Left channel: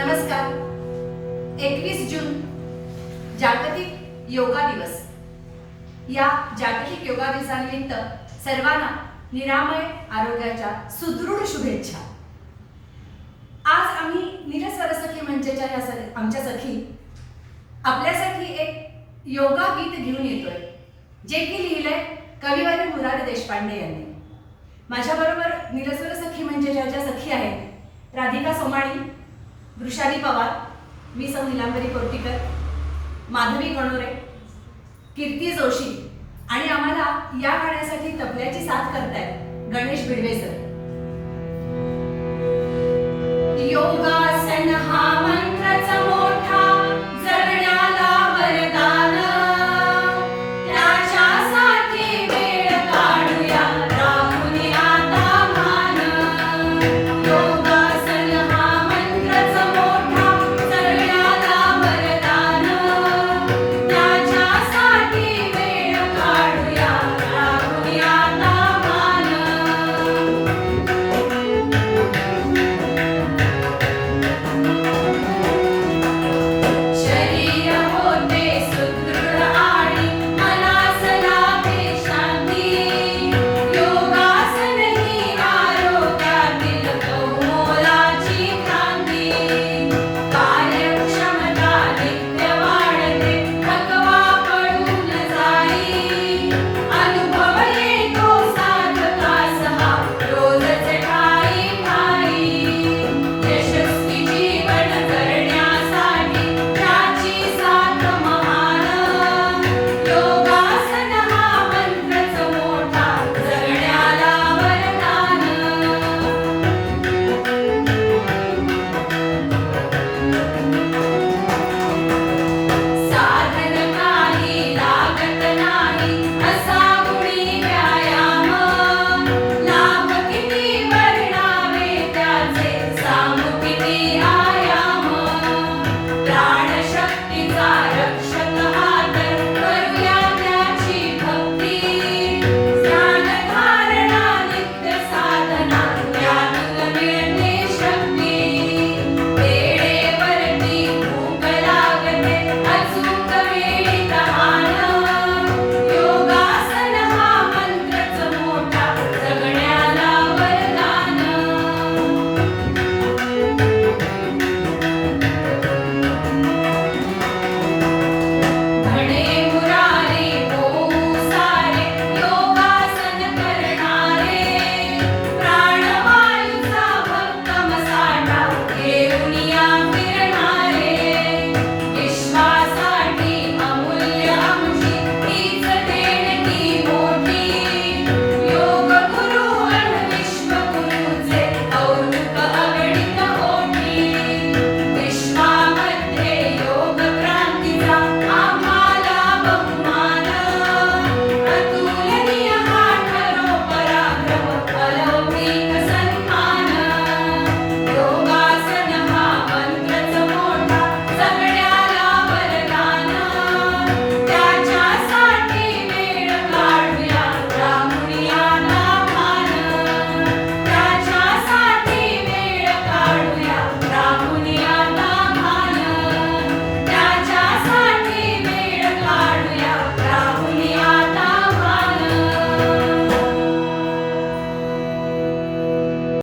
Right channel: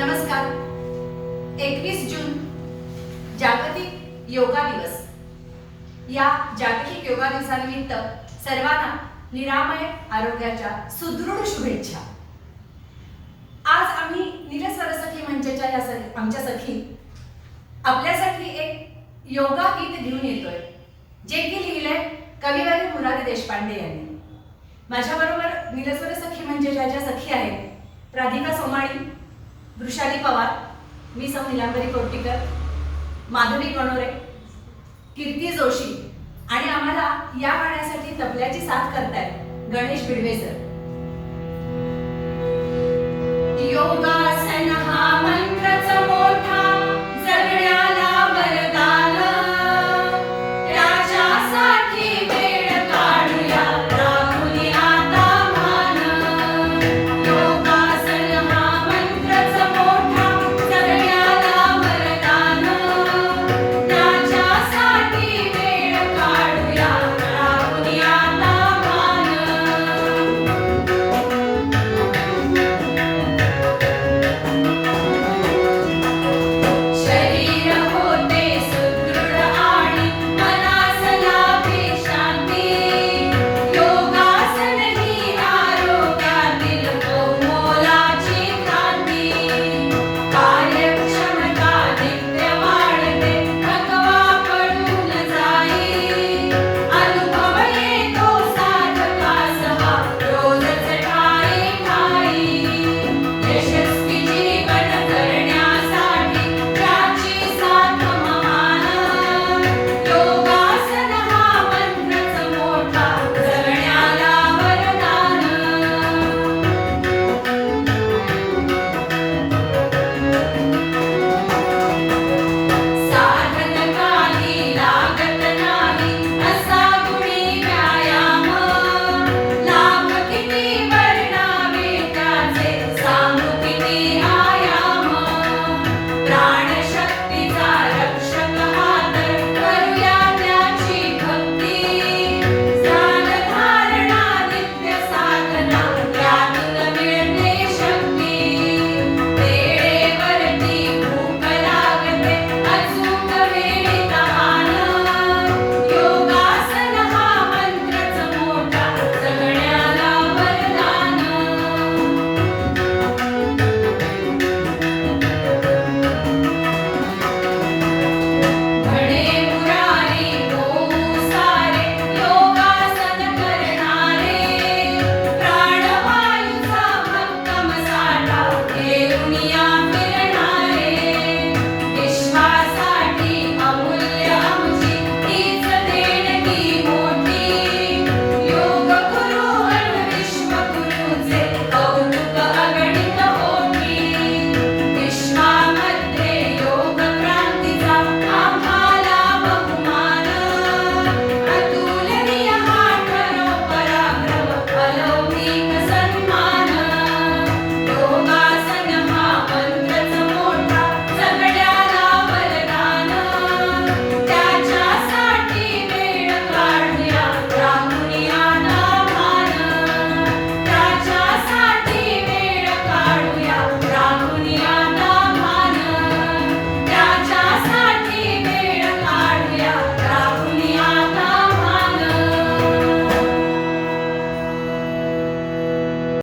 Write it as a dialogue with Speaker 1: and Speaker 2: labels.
Speaker 1: नमस्कार. एकवीस जून जागतिक योगा दिवस. या जागतिक योगा दिवसानिमित्त सर्वांना निरामय आरोग्याच्या सुदृढ शुभेच्छा. आज आम्ही नीलस्वर सखी मंचच्या या आमच्या सखी आपल्यासाठी एक योगा गीत घेऊन येतोय जे की लिहिलंय कविवारी मुरारी देशपांडे यांनी. माझ्याबरोबर नीलस्वर सखी मंचाच्या ज्या सखी आहेत राधिका सोमाणी वृषाली पवार मी सौ निलांबरी कोर्टीकर माधवी गणोरे कीर्ती जोशी आणि आम्हाला या गाण्यासाठी तबल्याची साथ करतायत गणेश बिडवे सर